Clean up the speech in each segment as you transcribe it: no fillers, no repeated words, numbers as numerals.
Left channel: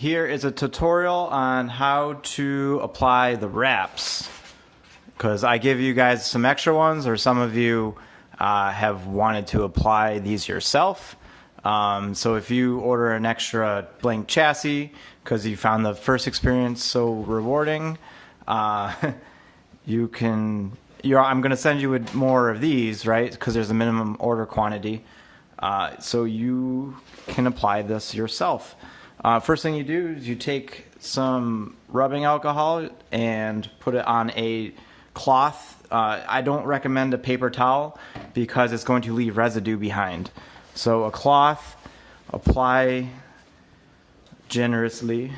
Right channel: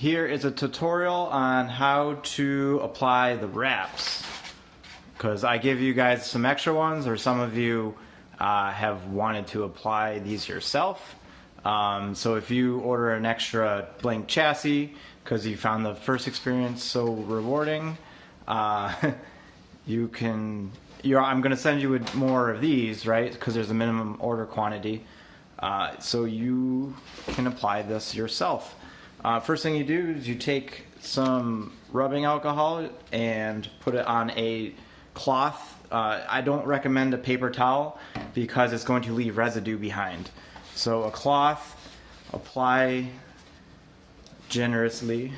Here is a tutorial on how to apply the wraps, because I give you guys some extra ones, or some of you have wanted to apply these yourself. So if you order an extra blank chassis because you found the first experience so rewarding, you can. I'm going to send you with more of these, right? Because there's a minimum order quantity, so you can apply this yourself. First thing you do is you take some rubbing alcohol and put it on a cloth. I don't recommend a paper towel because it's going to leave residue behind. So a cloth, apply generously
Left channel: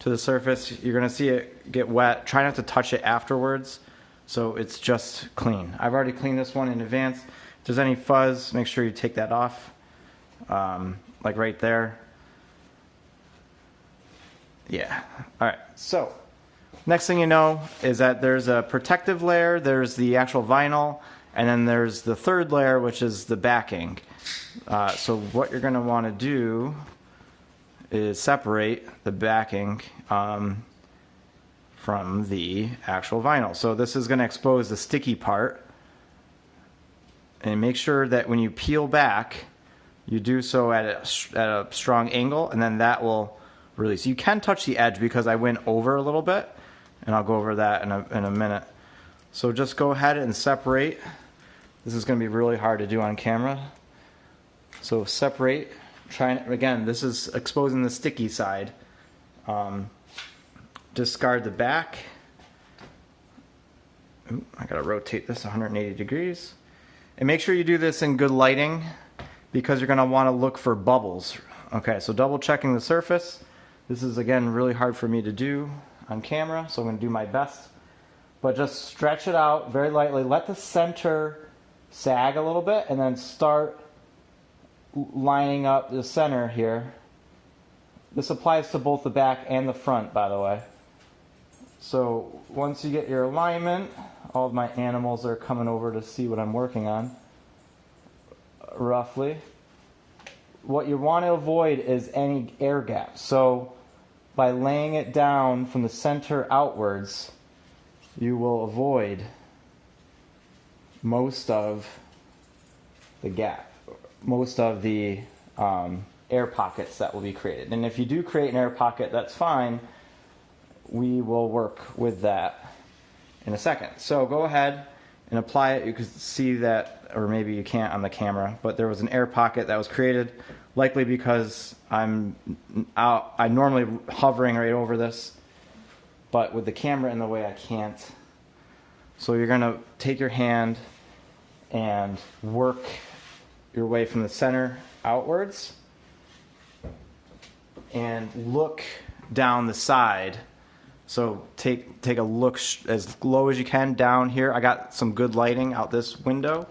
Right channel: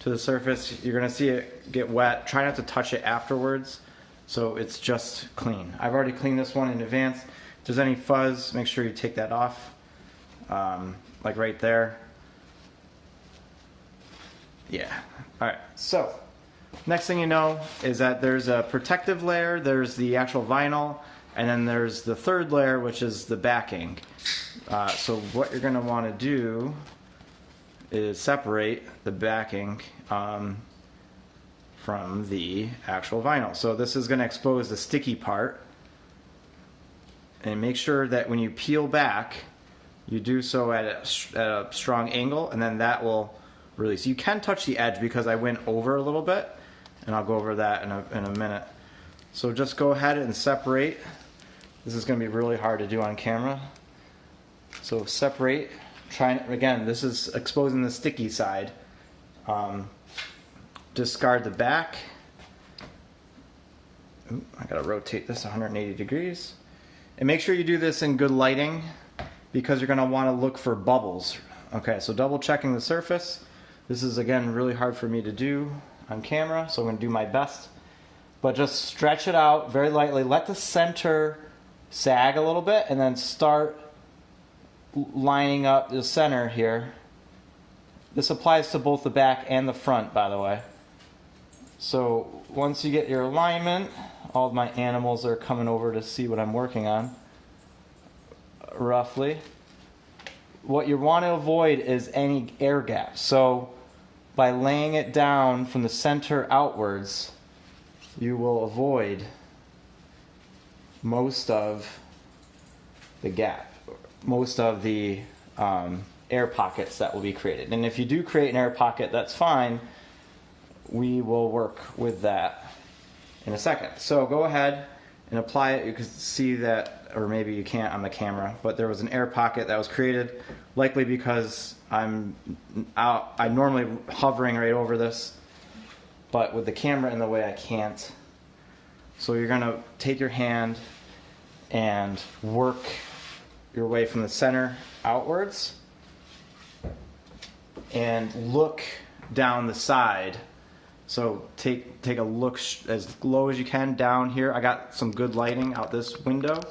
to the surface. You're going to see it get wet. Try not to touch it afterwards so it's just clean. I've already cleaned this one in advance. If there's any fuzz, make sure you take that off, like right there. Yeah. All right. So next thing you know is that there's a protective layer, there's the actual vinyl, and then there's the third layer, which is the backing. So what you're going to want to do is separate the backing from the actual vinyl. So this is going to expose the sticky part. And make sure that when you peel back, you do so at a strong angle, and then that will release. You can touch the edge because I went over a little bit, and I'll go over that in a minute. So just go ahead and separate. This is going to be really hard to do on camera. So separate. Again, this is exposing the sticky side. Discard the back. I gotta rotate this 180 degrees. And make sure you do this in good lighting because you're gonna want to look for bubbles. Okay, so double checking the surface. This is again really hard for me to do on camera, so I'm gonna do my best. But just stretch it out very lightly. Let the center sag a little bit and then start lining up the center here. This applies to both the back and the front, by the way. So once you get your alignment, all of my animals are coming over to see what I'm working on, roughly. What you want to avoid is any air gaps. So by laying it down from the center outwards, you will avoid most of the gap, most of the air pockets that will be created. And if you do create an air pocket, that's fine. We will work with that in a second. So go ahead and apply it. You can see that, or maybe you can't on the camera, but there was an air pocket that was created, likely because I'm normally hovering right over this, but with the camera in the way I can't. So you're going to take your hand and work your way from the center outwards and look down the side. So take a look as low as you can down here. I got some good lighting out this window,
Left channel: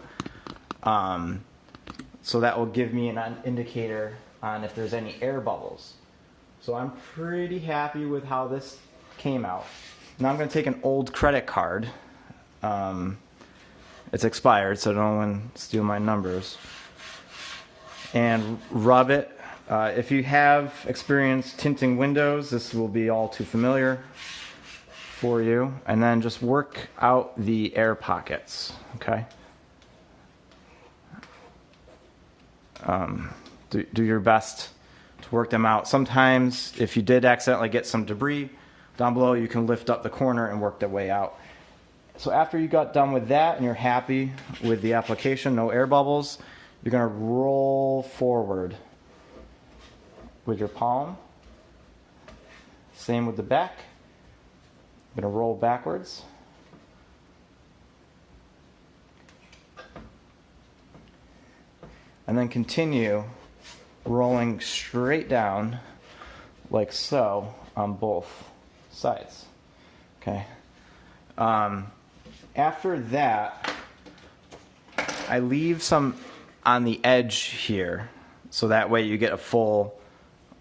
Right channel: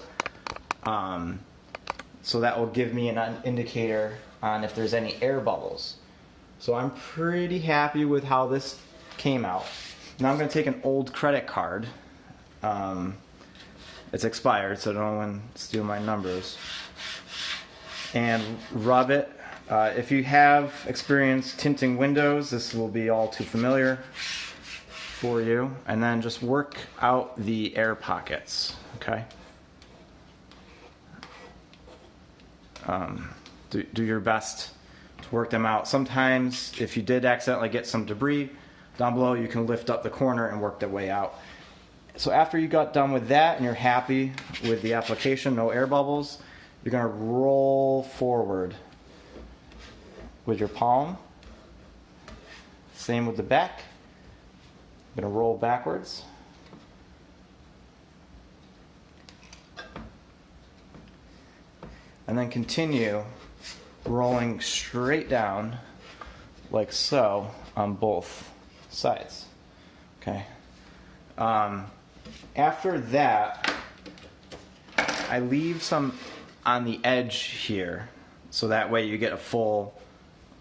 so that will give me an indicator on if there's any air bubbles. So I'm pretty happy with how this came out. Now I'm going to take an old credit card. It's expired, so no one steal my numbers. And rub it. If you have experience tinting windows, this will be all too familiar for you. And then just work out the air pockets, okay? Do your best to work them out. Sometimes, if you did accidentally get some debris down below, you can lift up the corner and work the way out. So after you got done with that and you're happy with the application, no air bubbles, you're going to roll forward with your palm. Same with the back. I'm going to roll backwards. And then continue rolling straight down like so on both sides. Okay. After that, I leave some on the edge here, so that way you get a full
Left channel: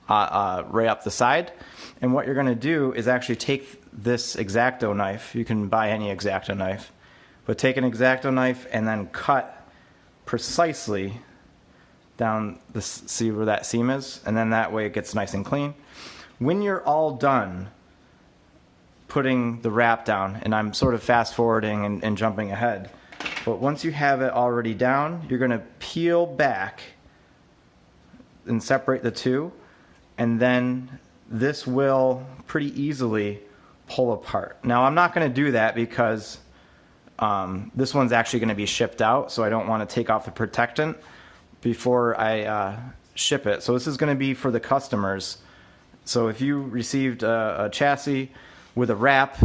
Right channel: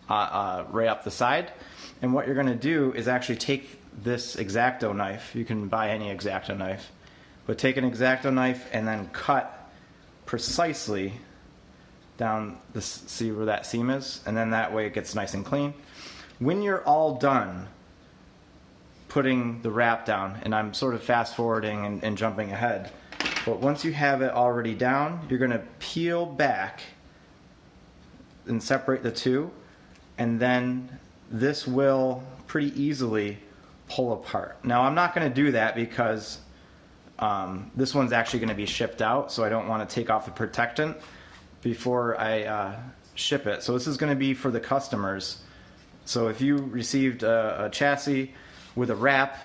right up the side. And what you're going to do is actually take this X-Acto knife. You can buy any X-Acto knife, but take an X-Acto knife and then cut precisely down the, see where that seam is, and then that way it gets nice and clean. when you're all done putting the wrap down, and I'm sort of fast forwarding and jumping ahead, but once you have it already down, you're going to peel back and separate the two, and then this will pretty easily pull apart. Now I'm not going to do that because this one's actually going to be shipped out, so I don't want to take off the protectant before I ship it. So this is going to be for the customers. So if you received a chassis with a wrap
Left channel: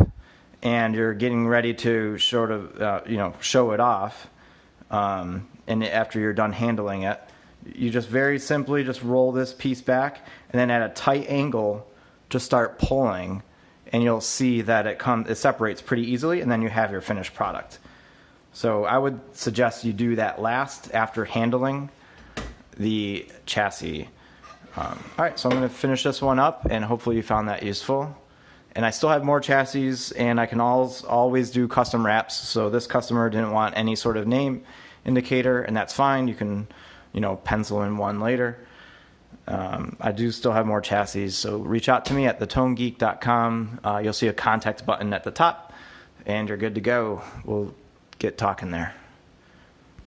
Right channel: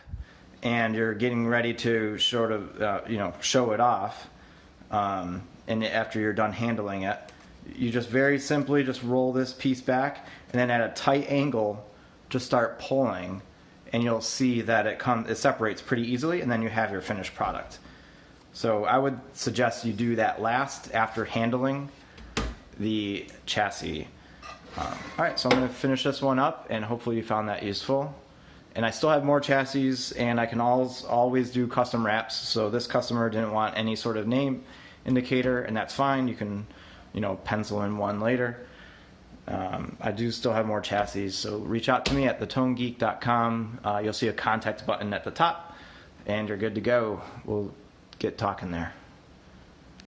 and you're getting ready to sort of show it off, and after you're done handling it, you just very simply just roll this piece back, and then at a tight angle just start pulling, and you'll see that it separates pretty easily, and then you have your finished product. So I would suggest you do that last after handling the chassis. All right, so I'm going to finish this one up, and hopefully you found that useful. And I still have more chassis, and I can always do custom wraps. So this customer didn't want any sort of name indicator, and that's fine. You can, pencil in one later. I do still have more chassis, so reach out to me at thetonegeek.com. You'll see a contact button at the top, and you're good to go. We'll get talking there.